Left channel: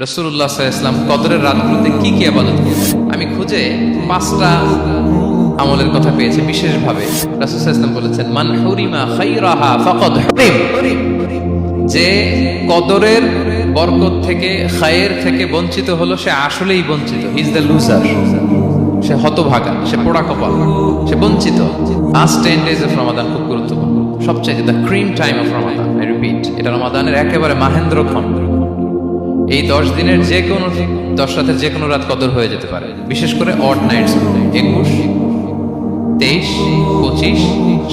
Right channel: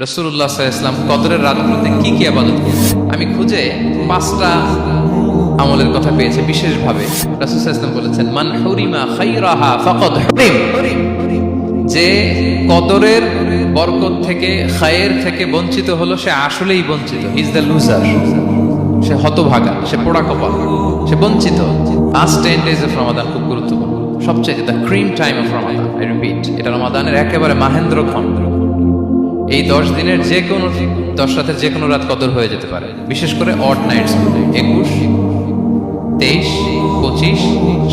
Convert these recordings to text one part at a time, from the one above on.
রাসূলুল্লাহ সাল্লাল্লাহু আলাইহি ওয়াসাল্লাম কদরের রাতগুলোতে কি কি ইবাদত করতেন। আমি খুঁজে 5টা আমলের কথা পেয়েছি বিশেষভাবে। রাসূল সাল্লাল্লাহু আলাইহি ওয়াসাল্লাম বলেছেন, মান হুরিমা খায়রাহা ফাকাদ হুরিম, যে কদরের বরকত থেকে, খায়ের থেকে বঞ্চিত হলো, সে আসলেই বঞ্চিত। হি ইজ দ্য লুজার, সে হতভাগা, সে পোড়া কপাল, সে বঞ্চিত। লাস্ট 10 days অফ রমাদান খুব গুরুত্বপূর্ণ, সবচেয়ে the cream time of Ramadan. I repeat, এটা রমাদানের একেবারে মাহেন্দ্রক্ষণ। এই 10 দিনের যে কোনো 10 রাতের যে কোনো রাত কদর হয়ে যেতে পারে, বিশেষ করে অড নাইটস, 21, 23, 25,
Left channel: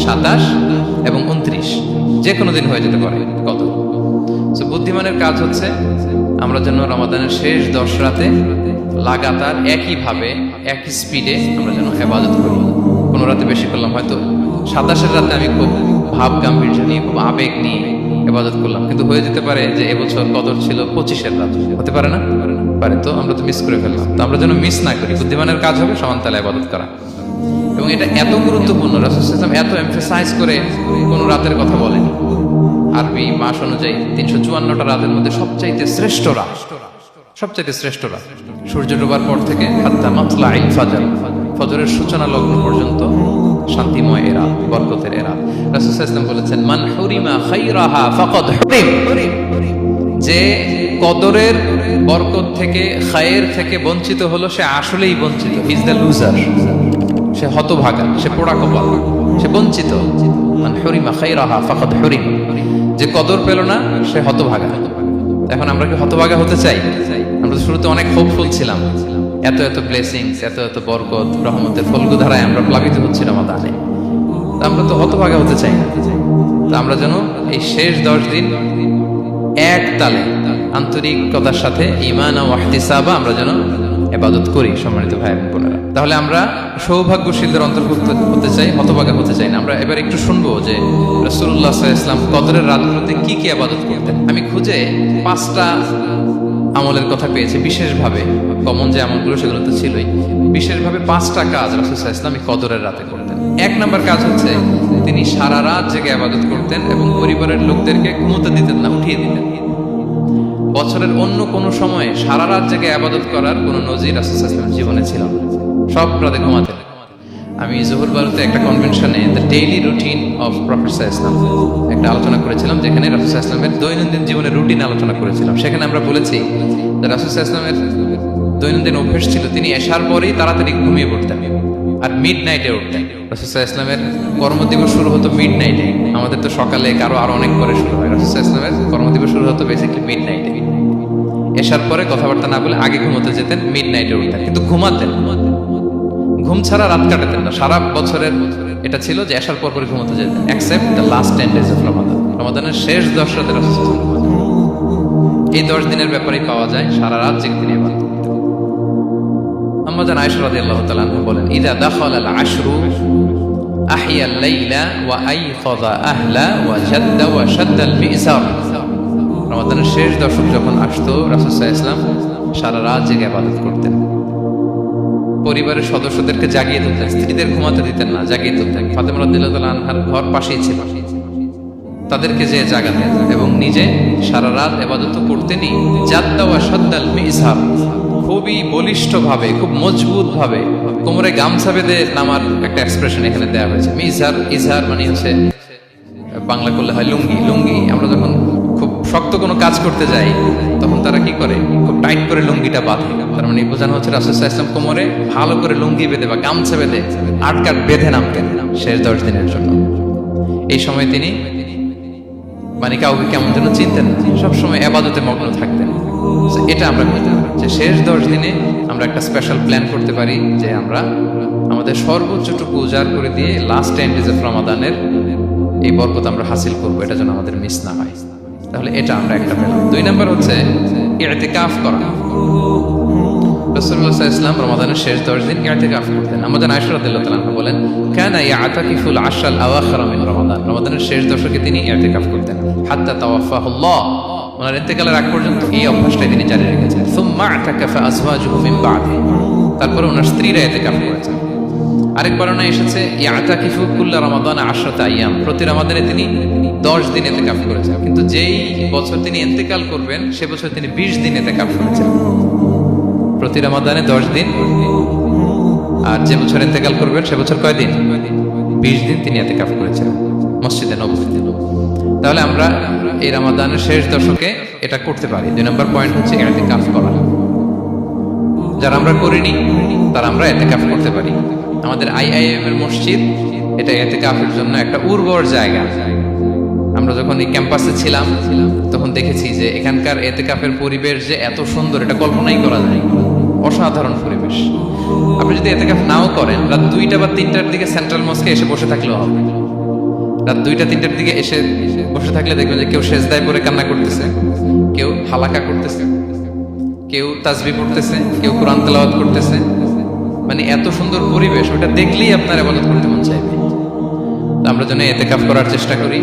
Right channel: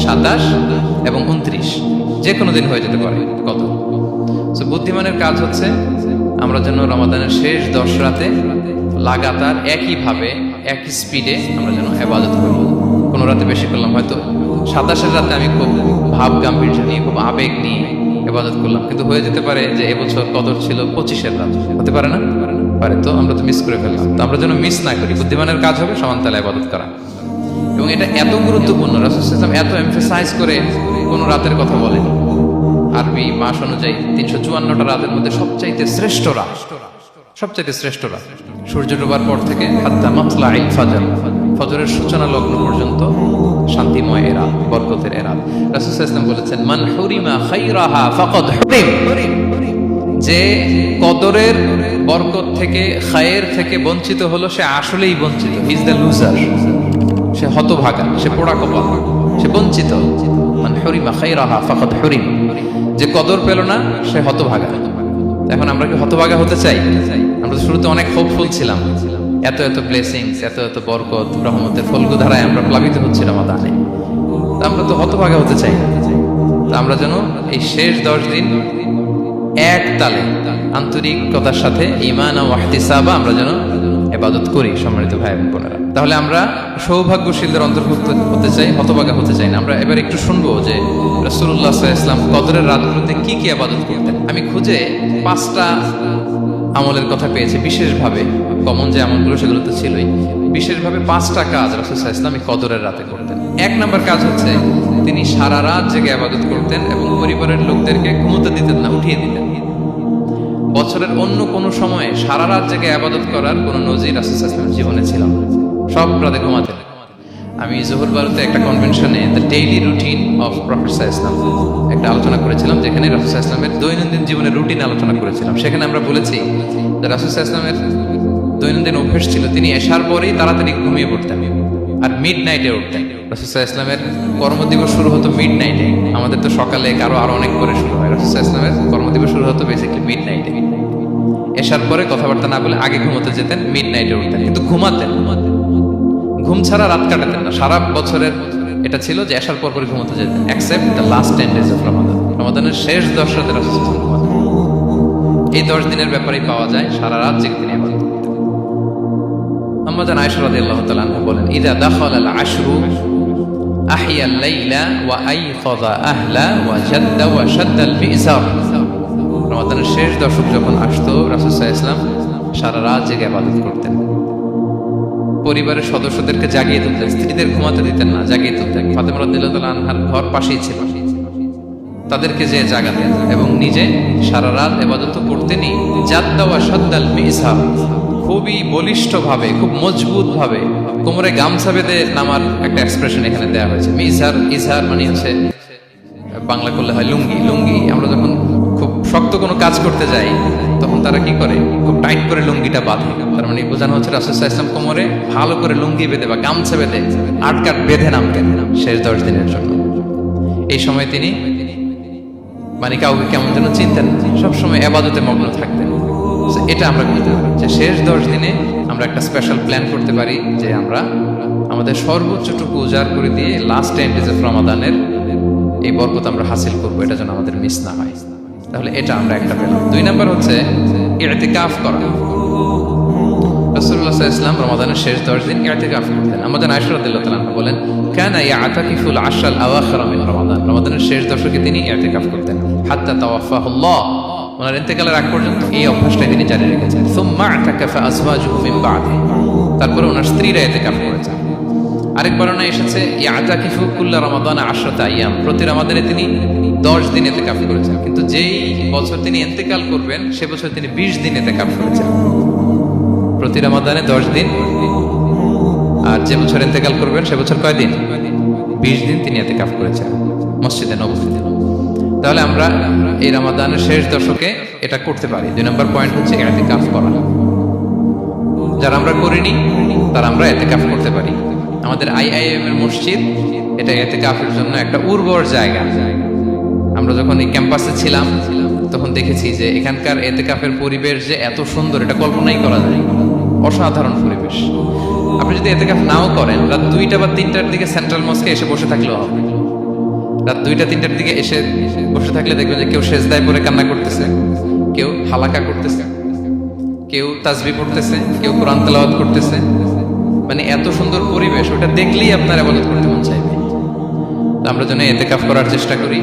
27 এবং 29, যে কোনো দিন হয়ে যেতে পারে কদর। সো বুদ্ধিমানের কাজ হচ্ছে আমরা যেন রমাদানের শেষ 10 রাতে লাগাতার একইভাবে একই স্পিডে আমরা যেন ইবাদত করি। কোনো রাতে বেশি করলাম, হয়তো 27-এর রাতে আমি খুব ভাব গাম্ভীর্য নিয়ে, খুব আবেগ নিয়ে ইবাদত করলাম, কিন্তু হয়ে যেতে পারে যে এবছর কদর ছিল 25-এর রাত, হতে পারে না? পারে। তো আমরা তো মিস করে ফেললাম। তো আমরা যেন মিস না করি। বুদ্ধিমানের কাজ হবে সমানতালে ইবাদত করা, এবং এটা এত গুরুত্বপূর্ণ। রাসূল সাল্লাল্লাহু আলাইহি ওয়াসাল্লাম এত এমফাসাইজ করে কোনো রাতের কথা বলেনি। আরবি মাস অনুযায়ী 354টা রাতের মধ্যে সবচাইতে শ্রেষ্ঠ রাত, সবচাইতে শ্রেষ্ঠ রাত সূর্য ডোবার পর থেকে হাত্তা মাতলাইল ফাজর, ফজরের সূচনা লগ্ন পর্যন্ত শান্তিময় এ রাত, বরকতের এ রাত। রাসূল সাল্লাল্লাহু আলাইহি ওয়াসাল্লাম বলেছেন, মান হুরিমা খায়রাহা ফাকাদ হুরিম, যে কদরের বরকত থেকে, খায়ের থেকে বঞ্চিত হলো, সে আসলেই বঞ্চিত। হি ইজ দ্য লুজার, সে হতভাগা, সে পোড়া কপাল, সে বঞ্চিত। মান হুরিমা খায়রাহা ফাকাদ হুরিম, যে কদর পেল না সে হতভাগা। এখন আমরা কি হতভাগা হতে চাই? আমরা তো শুরুতে অনেক হোপফুল ছিলাম, এত এত ব্লেসিংস, এত এত বরকত, রহমতের ফলগুধারায় আমরা প্লাবিত হচ্ছি রমাদানে। তা আমরা তো হতভাগা হতে চাই না। তা আমরা যেন এই শেষ 10 দিন এক তালে আন্তরিকতার সাথে ঈমান ও ইহতিসাবা আমরা যেন ইবাদত করি। সম্মানিত ভাই এবং বোনেরা, তাহলে আমরা সৌভাগ্যশীলদের অন্তর্ভুক্ত হতে চাই, হতভাগা হতে চাই না। আমরা এবার একটু শুনবো যে রাসূলুল্লাহ সাল্লাল্লাহু আলাইহি ওয়াসাল্লাম কদরের রাতগুলোতে কি কি ইবাদত করতেন। আমি খুঁজে 5টা আমলের কথা পেয়েছি বিশেষভাবে। কমন যে আমলগুলো সেগুলো তো ছিলই, বিশেষভাবে 5টা কাজ রাসূল সাল্লাল্লাহু আলাইহি ওয়াসাল্লাম কদরের রাতে করতেন। 1 নম্বর কাজ হচ্ছে তিনি সারা রাত জেগে ইবাদত করতেন এবং পরিবারের লোকদেরকে ঘুমোতে দিতেন না, উঠিয়ে দিতেন। বছরের অন্য কোনো সময়ে সারা রাত জেগে ইবাদত করার কোনো নজির রাসূল সাল্লাল্লাহু আলাইহি ওয়াসাল্লামের জীবনে ছিল না। সব রাতে ঘুমাতেন। আমি জোহর বারুতে একটা কনভেনশনে the daily routine of prophet সাল্লাল্লাহু আলাইহি ওয়াসাল্লাম একটা আলোচনা করেছিলাম, যেখানে রাসূল সাল্লাল্লাহু আলাইহি ওয়াসাল্লামের দৈনন্দিন জীবনের রুটিন আলোচনা করেছিলাম। সেখানে আমরা বলেছি যে রাসূল সাল্লাল্লাহু আলাইহি ওয়াসাল্লামের দৈনন্দিন অভ্যাস ছিল তিনি এশার পরেই তাড়াতাড়ি ঘুমিয়ে পড়তেন আর মিড নাইটে উঠতেন। রাসূল সাল্লাল্লাহু আলাইহি ওয়াসাল্লামের কর্মদিবস শুরু হতো মিড নাইটে। আমাদের তো সকালে কারো আরো অনেক পরে শুরু হয়। রাসূল সাল্লাল্লাহু আলাইহি ওয়াসাল্লামের কর্মদিবস শুরু হতো বেসিক্যালি মিড নাইটে। এশার পরে কথাবার্তা না বলে আগে ঘুমোতে যেতেন, মিড নাইটে উঠতেন, কিন্তু ঘুমাতেন। ঘুম ছাড়া রাত কাটাতেন না। সারা বছরের এটা ছিল যে এশার পর পরে ঘুমোতে যেতেন, except the last 10 days of Ramadan. রমাদানের শেষ 10 রাতে রাসূল সাল্লাল্লাহু আলাইহি ওয়াসাল্লাম ঘুমাতেন। এই 10 দিনের ব্যাপারেই পাওয়া যায় সারা রাত জেগে তিনি ইবাদত করতেন। আম্মা জান আয়েশা রাদিয়াল্লাহু তাআলা আনহা বলেন, ইযা দাখালাল আশরু আহিয়াল লাইলা ওয়া আইখাযা আহলা ওয়া জাদ্দা ওয়া শাদ্দাল মিজার। রমাদানের শেষ দশক যখন আসতো, রাসূল সাল্লাল্লাহু আলাইহি ওয়াসাল্লাম সারা রাত জেগে ইবাদত করতেন। পরিবারের সদস্যদেরকে জাগিয়ে তুলতেন, স্ত্রীদের ঘুমাতে দিতেন না, জাগিয়ে তুলতেন। ফাতেমা রাদিয়াল্লাহু তাআলা আনহার ঘর পাশেই ছিল, তাদেরকে যে জাগাতেন এবং নিজে সারা রাত ইবাদত করতেনই। জাদ্দা ওয়া শাদ্দাল মিজার, খুবই বলিষ্ঠভাবে, খুব মজবুতভাবে কোমরে গামছা বেঁধে নামার একটা এক্সপ্রেশন এখানে দেওয়া হয়েছে। মিজার, ইজহার মানে হচ্ছে বাংলা করলে হয় লুঙ্গি। লুঙ্গি আমরা যখন খুব শক্ত কোনো কাজ করতে যাই তখন তারা কি করে, খুব টাইট করে লুঙ্গিটা বাঁধে। তার মানে বোঝানো হচ্ছে রাসূল সাল্লাল্লাহু আলাইহি ওয়াসাল্লাম কোমরে ভালো করে লুঙ্গি বেঁধে বা গামছা বেঁধে আটকাট বেঁধে নামতেন শেষ 10 দিনের জন্য। এই সময় তিনি মানে কাউকে কেমন যেন চিনতেন না, সবসময় ইবাদতে মগ্ন থাকতেন। এটা আমরা করতে পারি যে শেষ 10 দিনে আমরা একটা স্পেশাল প্ল্যান করতে পারি যে আমরা আমাদের সর্বোচ্চটুকু উজাড় করে দিয়ে লাস্ট 10 days অফ রমাদানের এই বরকত আমরা হাসিল করব, এটা যেন আমাদের মিস না হয়। তাহলে এটা আমরা একটা পেলাম। 2 নাম্বার হচ্ছে ইতিকাফ করা। রাসূলুল্লাহ সাল্লাল্লাহু আলাইহি ওয়াসাল্লাম রমাদানের শেষ 10 দিন ইতিকাফ করতেন। আমাদের আয়েশা রাদিয়াল্লাহু তাআলা আনহা বলেন, কানা ইয়াতাকিফুল আশরাল আওয়াখির মিন রমাদান। রমাদানের শেষ দশকে তিনি ইতিকাফ করতেন হাত্তা তাওয়াফাহুল্লাহ, ওনার ইন্তেকালের আগ পর্যন্ত এই অভ্যাসটাই তিনি জারি রেখেছেন। সুম্মা আতাকাফা আজওয়াজুহু মিন বাদি, তারপরে ওনার স্ত্রীরা ইতিকাফ করেছেন। আরেক বর্ণনা এসেছে ইয়াতাকিফু কুল্লা রমাদান 10 আইয়াম, প্রতি রমাদানে তিনি 10 দিন ইতিকাফ করেছেন। কিন্তু যেই বছর তিনি ইন্তেকাল করবেন সে বছর তিনি 20 দিন ইতিকাফ করেছেন। প্রতি রমাদানে 10 দিন, আর যে বছর ইন্তেকাল করবেন সে বছর কয় দিন? 20 দিন তিনি ইতিকাফ করেছেন মসজিদে নববীতে। তাহলে আমরা এই রমাদানের শেষ দশকে এটা করতে পারি। 2 নম্বর পয়েন্ট হচ্ছে ইতিকাফ করা। যারা আমরা করিনি তারা আমরা ইতিকাফ করতে পারি। আমাদের আইআইএম এর মসজিদ এটা ইতিকাফের জন্য একটা উর্বর জায়গা। আমরা যখন এই ক্যাম্পাসে ছিলাম তখন দেখেছি যে এখানকার ইতিকাফের পরিবেশ যে এত সুন্দর এটা কল্পনাই করা যায়। অসাধারণ পরিবেশ। আপনি যদি ইতিকাফ নাও করেন, রাত 2টা বা 3টার দিকে সেন্ট্রাল মস্কে এসে বসে থাকলেও হবে। রাত 2টা 3টার দিকে এসে বসে থাকলে দেখবেন যে কেউ সেজদায় পড়ে কান্না করতেছে, কেউ হালাকা করতেছে, কেউ তাসবিহ পড়তেছে, কেউ কোরআন তেলাওয়াত করতেছে। মানে এত সুন্দর পরিবেশ, ওটা দেখলেই আপনার ইবাদত করতে মন চাইবে। তো আমরা যেন ইতিকাফ করার চেষ্টা করি।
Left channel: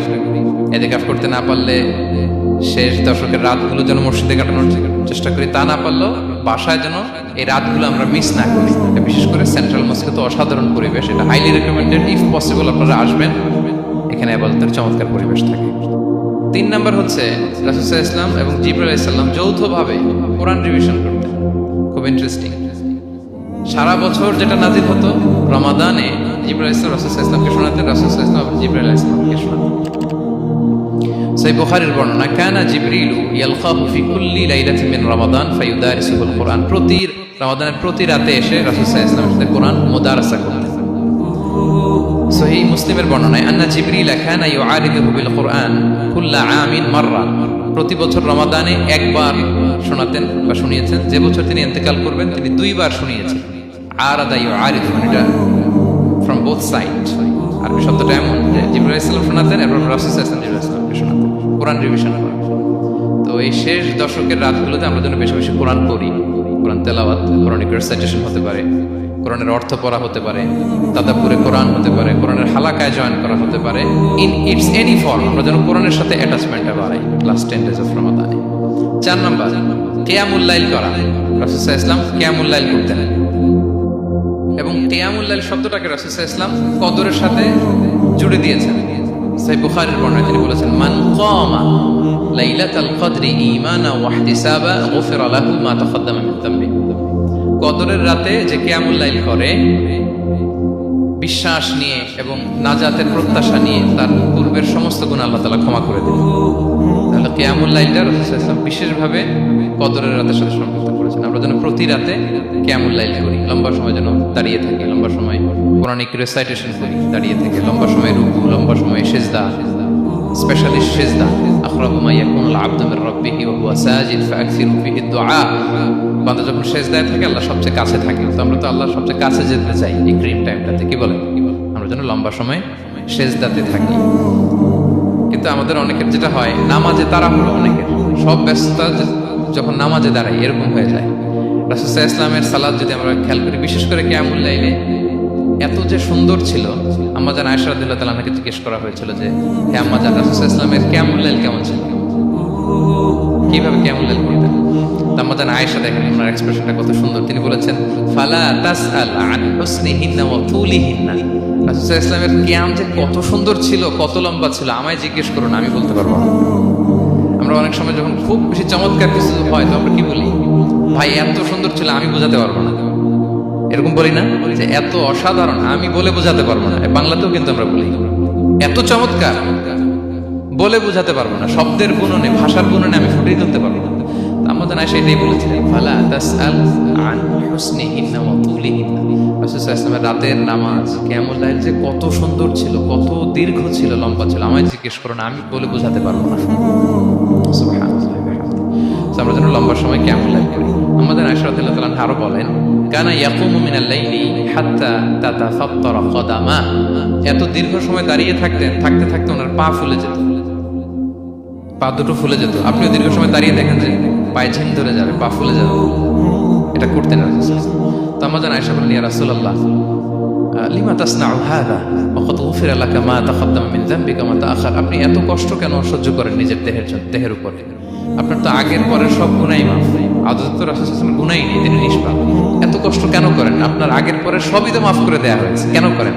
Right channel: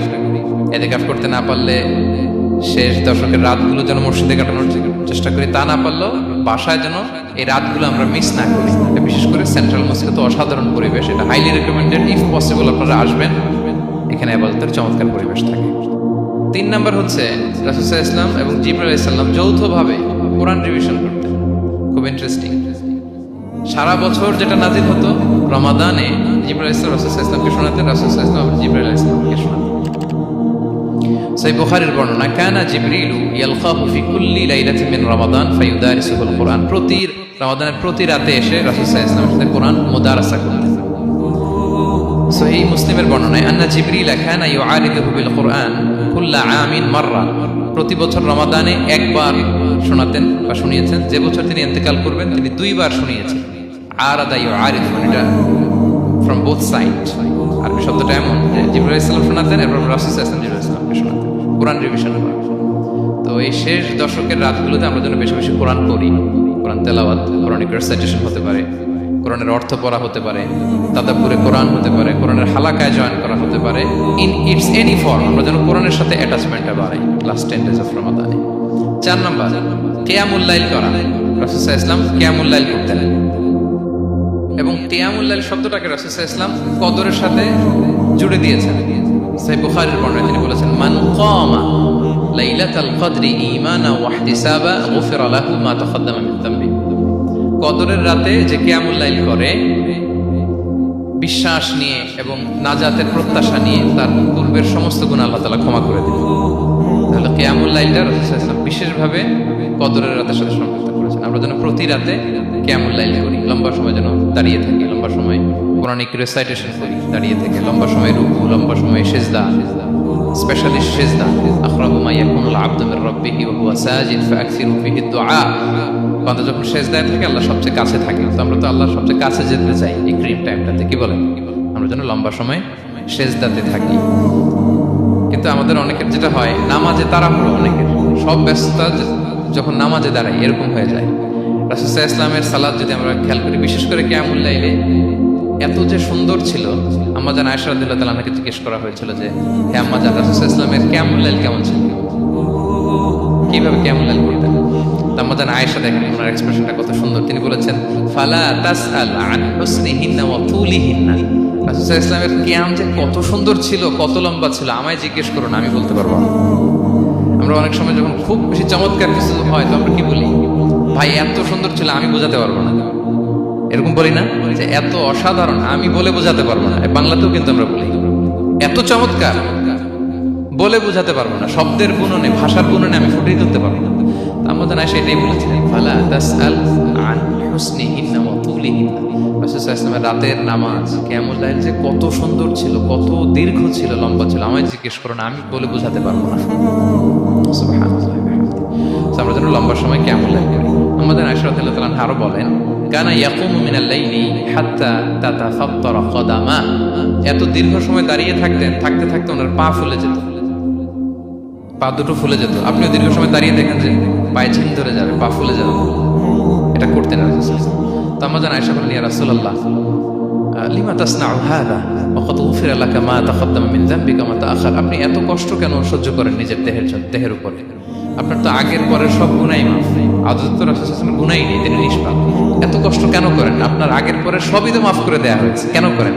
ইতিকাফ করতে না পারলে শেষ দশকের রাতগুলো যেন মসজিদে কাটানোর চেষ্টা করি, তা না পারলেও বাসায় যেন এই রাতগুলো আমরা মিস না করি। বিশেষ করে সেন্ট্রাল মস্কে তো অসাধারণ পরিবেশ, এটা হাইলি রেকমেন্ডেড। ইফ পসিবল আপনারা আসবেন, এখানে ইবাদতের চমৎকার পরিবেশ থাকে। 3 নম্বর হচ্ছে রাসূল সাল্লাল্লাহু আলাইহি ওয়াসাল্লাম এবং জিবরাইল আলাইহিস সালাম যৌথভাবে কোরআন রিভিশন করতেন। খুব ইন্টারেস্টিং। সারা বছর যেটা নাজিল হতো, রমাদানে জিবরাইল আলাইহিস সালাম রাসূল সাল্লাল্লাহু আলাইহি ওয়াসাল্লামকে শোনাতেন, রাসূল সাল্লাল্লাহু আলাইহি ওয়াসাল্লাম জিবরাইল আলাইহিস সালামকে শোনাতেন। সহিহ বুখারীর বর্ণনা, কানা জিবরিলু ইয়ালকাহু ফি কুল্লি লাইলাতিন মিন রমাদান ফায়ুদারিসুল কুরআন। প্রতি রমাদানের প্রতি রাতে এসে রাসূল সাল্লাল্লাহু আলাইহি ওয়াসাল্লামের সাথে কোরআন মুদারাসা করতেন। সহিহ মুসলিমের বর্ণনায়, আন্না জিবরিল কানা ইউআরিদুহু বিল কুরআন কুল্লা আমিন মাররা। প্রতি বছর রমাদানে একবার শোনাতেন বা শুনিয়েছেন। যে বছর তিনি ইন্তেকাল করবেন তিনি 2 বার শুনিয়েছেন। আরাদা ইউআরিদু, এটা ফ্রম বোথ সাইড। আরবি শব্দটা এমন যে জিবরাইল আলাইহিস সালাম শোনাতেন, এরপর রাসূল সাল্লাল্লাহু আলাইহি ওয়াসাল্লাম জিবরাইল আলাইহিস সালামকে শোনাতেন, কোরআন রিভিশন করা। তো এই শেষ দশকের রাতগুলোতে আমরা যেন বেশি বেশি কোরআন পড়ি। কোরআন তেলাওয়াত, কোরআনিক রিসাইটেশন হতে পারে, কোরআনের অর্থ পড়া হতে পারে, তাদাব্বুরে কোরআন হতে পারে, কোরআনের হালাকায় জয়েন করা হতে পারে। ইন ইটস এনি ফর্ম আমরা যেন কোরআনের সাথে অ্যাটাচমেন্টটা বাড়াই লাস্ট 10 days অফ রমাদানে। 4 নম্বর, কিয়ামুল লাইল করা। রাসূল সাল্লাল্লাহু আলাইহি ওয়াসাল্লাম কিয়ামুল লাইল করতেন, এবং কিয়ামুল লাইল শব্দটাকে রাসূল সাল্লাল্লাহু আলাইহি ওয়াসাল্লাম কদরের সাথে জুড়ে দিয়েছেন। সহিহ বুখারীর বর্ণনায় তিনি বলেছেন, মান কামা লাইলাতাল কদরি ঈমানা ওয়া ইহতিসাবা গুফিরা লাহু মা তাকাদ্দামা মিন যামবি। কদরের রাতে যে কিয়ামুল লাইল করে বিশ্বাস নিয়ে এবং নাজাতের প্রত্যাশা নিয়ে, তার পূর্বের সমস্ত গুনাহ আল্লাহ তাআলা ক্ষমা করে দেন। তাহলে কিয়ামুল লাইলটা রাসূল সাল্লাল্লাহু আলাইহি ওয়াসাল্লাম বিশেষভাবে কদরের রাতের সাথে সম্পৃক্ত করেছেন। আমরা যেন প্রতি রাতে কিয়ামুল লাইল করি, লম্বা সময় যেন দাঁড়িয়ে থাকি, লম্বা সময় কোরআনিক রিসাইটেশন করি দাঁড়িয়ে থেকে, লম্বা সময় রুকু, লম্বা সময় সিজদা, স্পেশালি সিজদা। আখরাবু মা ইয়াকুনুল আবদু মির রাব্বিহি ওয়া হুয়া সাজিদ ফাআকসিরু ফিহি দুআ। বান্দা যখন সিজদায় থাকে আল্লাহ সবচেয়ে কাছে থাকে। তো আমরা তো আল্লাহর সবচেয়ে কাছে যেতে চাই এই ক্রিম টাইমটাতে, কি বলেন? আমরা যেন লম্বা সময় সিজদাতে থাকি। কিন্তু আমাদের অনেকের যেটা হয়, নামাজে তাড়াহুড়ো, অনেকের সব ব্যস্ততা যখন নামাজে দাঁড়াই এরকম হয়ে যায়। রাসূল সাল্লাল্লাহু আলাইহি ওয়াসাল্লামের সালাত যদি আমরা খেয়াল করি, বিশেষ করে কিয়ামুল লাইলে এত যে সুন্দর ছিল। আম্মাজান আয়েশা রাদিয়াল্লাহু তাআলা আনহাকে জিজ্ঞেস করা হয়েছিল যে, হে আম্মাজান, রাসূল সাল্লাল্লাহু আলাইহি ওয়াসাল্লামের কিয়ামুল লাইল কেমন ছিল, কিভাবে কিয়ামুল লাইল করতেন? আম্মাজান আয়েশা, দেখেন ওনার এক্সপ্রেশনটা কত সুন্দর। তিনি বলেছেন, ফালা তাসআল আন হুসনিহিন্না ওয়া তুলিহিন্না। রাসূল সাল্লাল্লাহু আলাইহি ওয়াসাল্লামের কিয়াম যে কত সুন্দর ছিল, কত লম্বা ছিল, আমায় জিজ্ঞেস করুন, আমি বলতে পারবো না। আমরা অনেক সময় যখন খুব বেশি চমৎকার কিছু হয় তো আমরা কি বলি, ভাই এত সুন্দর ছিল আমি বোঝাতে পারবো না। এরকম বলি না যে এত অসাধারণ আমি বলে বোঝাতে পারবো না? বাংলাতেও কিন্তু আমরা বলি এত চমৎকার বলে বোঝাতে পারবো না, শব্দের গুণনে, ভাষার গুণনে আমি ফুটিয়ে তুলতে পারবো না। আমাদের আয়েশা এটাই বলেছিলেন, ফালা তাসআল আন হুসনিহিন্না ওয়া তুলিহিন্না। রাসূল সাল্লাল্লাহু আলাইহি ওয়াসাল্লামের রাতের নামাজ কিয়ামুল লাইল যে কত সুন্দর ছিল, কত দীর্ঘ ছিল, লম্বা ছিল, আমায় জিজ্ঞেস করো না, আমি বলে বোঝাতে পারবো না। সুবহানাল্লাহ। আমরা যেন লম্বা সময় কিয়ামুল লাইল করি। আমাদের আয়েশা রাদিয়াল্লাহু তাআলা আরো বলেন, কানা ইয়াকুমু মিনাল লাইলি হাত্তা তাতাফাত্তারা কদামা। এত দীর্ঘ সময় দাঁড়িয়ে থাকতেন, থাকতে থাকতে ওনার পা ফুলে যেত, পা দুটো ফুলে যেত। আপনিও দীর্ঘ সময় দাঁড়িয়ে দেখেন যে পায়ে ঝিম ধরে যাবে, পা ফুলে যাবে, এটা করতেন রাসূল সাল্লাল্লাহু আলাইহি ওয়াসাল্লাম। তো আমাদের আয়েশা বলেন, ইয়া রাসূলুল্লাহ লিমা তাসনাউ হাযা ওয়া কদ গুফিরা লাকা মা তাকাদ্দামা মিন যামবিকা ওয়া মা তাআখার। আপনি এত কষ্ট কেন সহ্য করেন নিজের দেহের উপরে? আপনার তো আগের পরের সব গুনাহই মাফ, আদত তো রাসূল সাল্লাল্লাহু আলাইহি ওয়াসাল্লাম গুনাহই নেই, তিনি নিষ্পাপ। এত কষ্ট কেন করেন? আপনার আগের পরে সবই তো মাফ করে দেয়া হয়েছে, কেন করেন?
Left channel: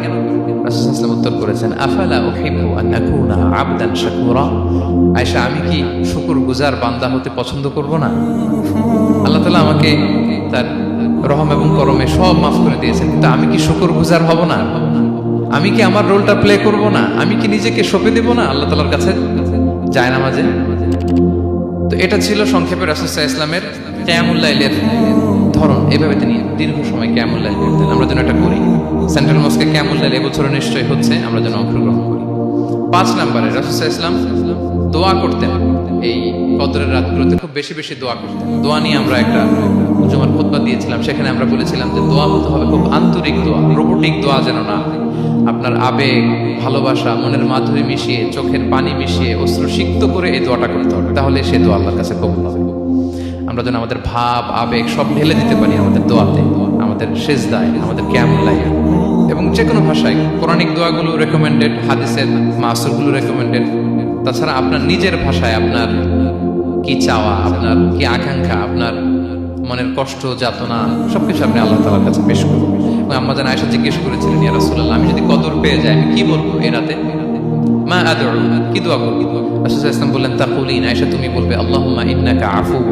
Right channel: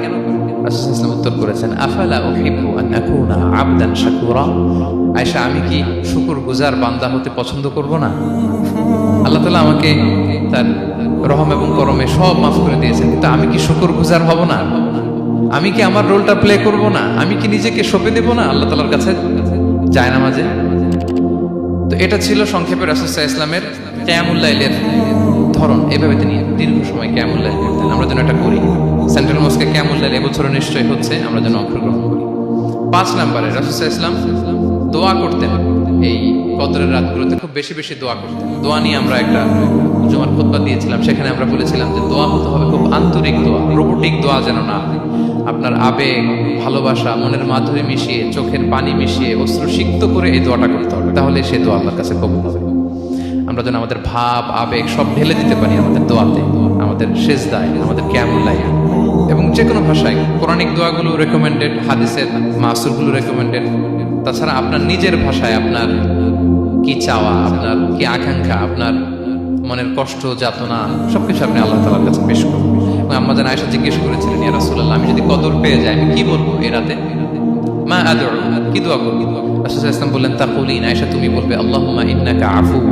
রাসূল সাল্লাল্লাহু আলাইহি ওয়াসাল্লাম উত্তর করেছেন, আফালা উহিব্বু আন আকুনা আবদান শাকুরা। আয়েশা, আমি কি শুকরগুজার বান্দা হতে পছন্দ করব না? আল্লাহ তাআলা আমাকে তার রহম এবং করমে সব মাফ করে দিয়েছেন, কিন্তু আমি কি শুকরগুজার হব না? আমি কি আমার রোলটা প্লে করব না? আমি কি নিজেকে সঁপে দেব না আল্লাহ তাআলার কাছে জায়নামাজে? তো এটা ছিল সংক্ষেপে রাসূল সাল্লাল্লাহু আলাইহি ওয়াসাল্লামের কিয়ামুল লাইলের ধরন। এভাবে তিনি দীর্ঘ সময় কিয়ামুল লাইল করতেন। আমরা যেন এটা করি। সেন্ট্রাল মস্কে কিয়ামুল লাইল এবছর নিশ্চয়ই হচ্ছে, আমরা যেন অংশগ্রহণ করি। 5 নম্বরে রাসূল সাল্লাল্লাহু আলাইহি ওয়াসাল্লাম দোয়া করতেন। এই কদরের রাতগুলোতে খুব বেশি বেশি দোয়া করতেন। দোয়া নিয়ে আমরা একটা জুমার খুতবা দিয়েছিলাম, সেখানে আমরা বলেছিলাম যে দোয়া হতে হবে খুব আন্তরিক দোয়া, রোবোটিক দোয়া যেন না হয়। আপনার আবেগ, ভালোবাসা, মনের মাধুরী মিশিয়ে, চোখের পানি মিশিয়ে, অশ্রুসিক্ত করে এই দোয়াটা করতে হবে, তাহলে সে দোয়া আল্লাহর কাছে কবুল হবে। আমরা যেন আমাদের ভাব, আবেগ সব ঢেলে দিতে পারি আমাদের দোয়াতে, আমাদের সেজদায়, আমাদের কিয়ামুল লাইল, এবং যে কোনো ভাষায়। কোরআনিক দোয়াগুলো রেকমেন্ডেড, হাদিসের মাসুরগুলো রেকমেন্ডেড। তাছাড়া আপনার নিজের ভাষায় আপনার কি চাওয়া, আপনার কি আকাঙ্ক্ষা, আপনার মনের কষ্ট, যাতনা সবকিছু আপনি আল্লাহ তাআলার কাছে পেশ করুন। এবং আম্মা জান আয়েশা জিজ্ঞেস করেছিলেন, ইয়া রাসূলুল্লাহ, আমি যদি কদর পেয়ে যাই আমি কি বলবো এই রাতে? মা আদউ, কি দোয়া করব? রাসূল সাল্লাল্লাহু আলাইহি ওয়াসাল্লাম বললেন, তাকুলিন, আয়েশা তুমি বলবে, আল্লাহুম্মা ইন্নাকা আফুউন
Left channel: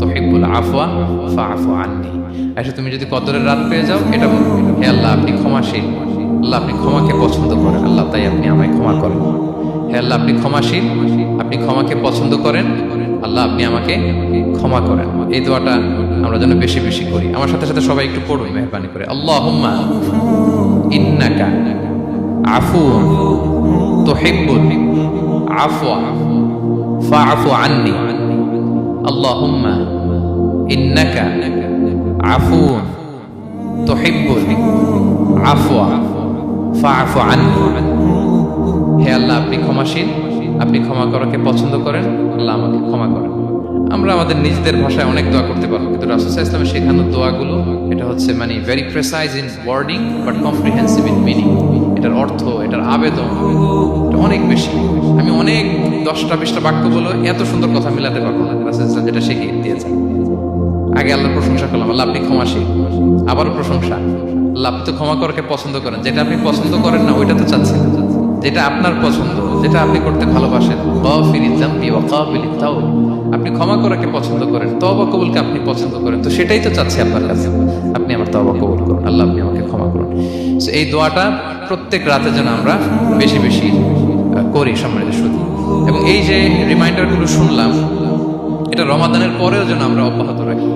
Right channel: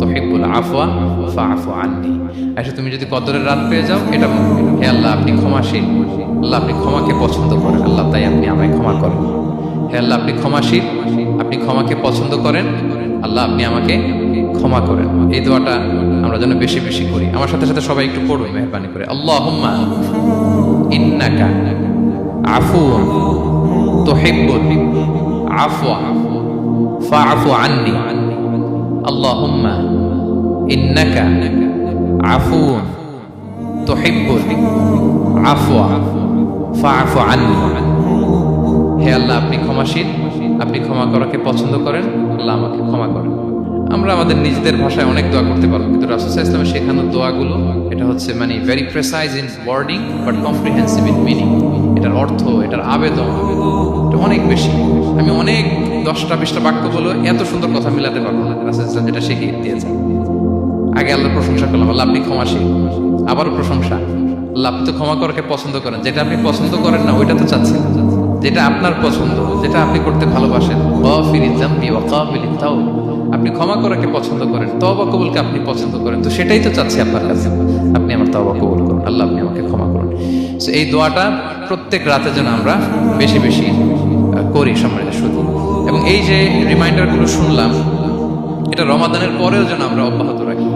তুহিব্বুল আফওয়া ফাআফু আন্নী। আয়েশা তুমি যদি কদরের রাত পেয়ে যাও এটা বলবে, হে আল্লাহ আপনি ক্ষমাশীল, আল্লাহ আপনি ক্ষমাকে পছন্দ করেন, আল্লাহ তাই আপনি আমায় ক্ষমা করেন। হে আল্লাহ আপনি ক্ষমাশীল, আপনি ক্ষমাকে পছন্দ করেন, আল্লাহ আপনি আমাকে ক্ষমা করেন। এই দোয়াটা আমরা যেন বেশি বেশি করি। আমার সাথে সাথে সবাই একটু পড়ুন মেহরবানি করে। আল্লাহুম্মা ইন্নাকা আফুউন তুহিব্বুল আফওয়া ফাআফু আন্নী। আল্লাহুম্মা ইন্নাকা আফুউন তুহিব্বুল আফওয়া ফাআফু আন্নী। হে আল্লাহ আপনি ক্ষমাশীল, আপনি ক্ষমা করাকে পছন্দ করেন, আল্লাহ আমাকে ক্ষমা করেন। আমরা আমাদের নিজেদের ভাষায় অনেক দোয়া করতে পারবো, কিন্তু রাসূল সাল্লাল্লাহু আলাইহি ওয়াসাল্লামের শেখানো দোয়াগুলো এটা হচ্ছে মানে very precise in wording but comprehensive in meaning. এটার অর্থ, এটার আবেদন এটা অনেক বেশি। আমি অনেক 10টা-20টা বাক্য বলে এত সুন্দর কথা মিলাতে পারবো না। রাসূল সাল্লাল্লাহু আলাইহি ওয়াসাল্লাম যেটা শিখিয়ে দিয়েছেন, আগে আল্লাহর প্রশংসা করলাম, আল্লাহ আপনি ক্ষমাশীল, আবারও প্রশংসা, আল্লাহ আপনি তো ক্ষমা করাকে পছন্দ করেন। যেটা আপনি পছন্দ করেন না ওইটা তো চাচ্ছেন, যেটা আপনার পছন্দ, যেটা আপনি করতে ভালোবাসেন, গাফিরিয যামবি ওয়া কাবিলিত তাওব, আপনি ক্ষমা করাকে পছন্দ করেন, তওবা কবুলকে আপনি পছন্দ করেন, তো সেটাই তো চাচ্ছি আপনার কাছে, আপনি আমার তওবা কবুল করুন, আল্লাহ আপনি আমাকে ক্ষমা করুন। সো এই দোয়াটা প্রত্যেক রাতে যেন আমরা বেশি বেশি করি সম্মানিত শুধু। এবং এই যে রিমাইন্ডারগুলো শুনলাম, এটা রমাদানের পরেও যেন আমরা অব্যাহত রাখি।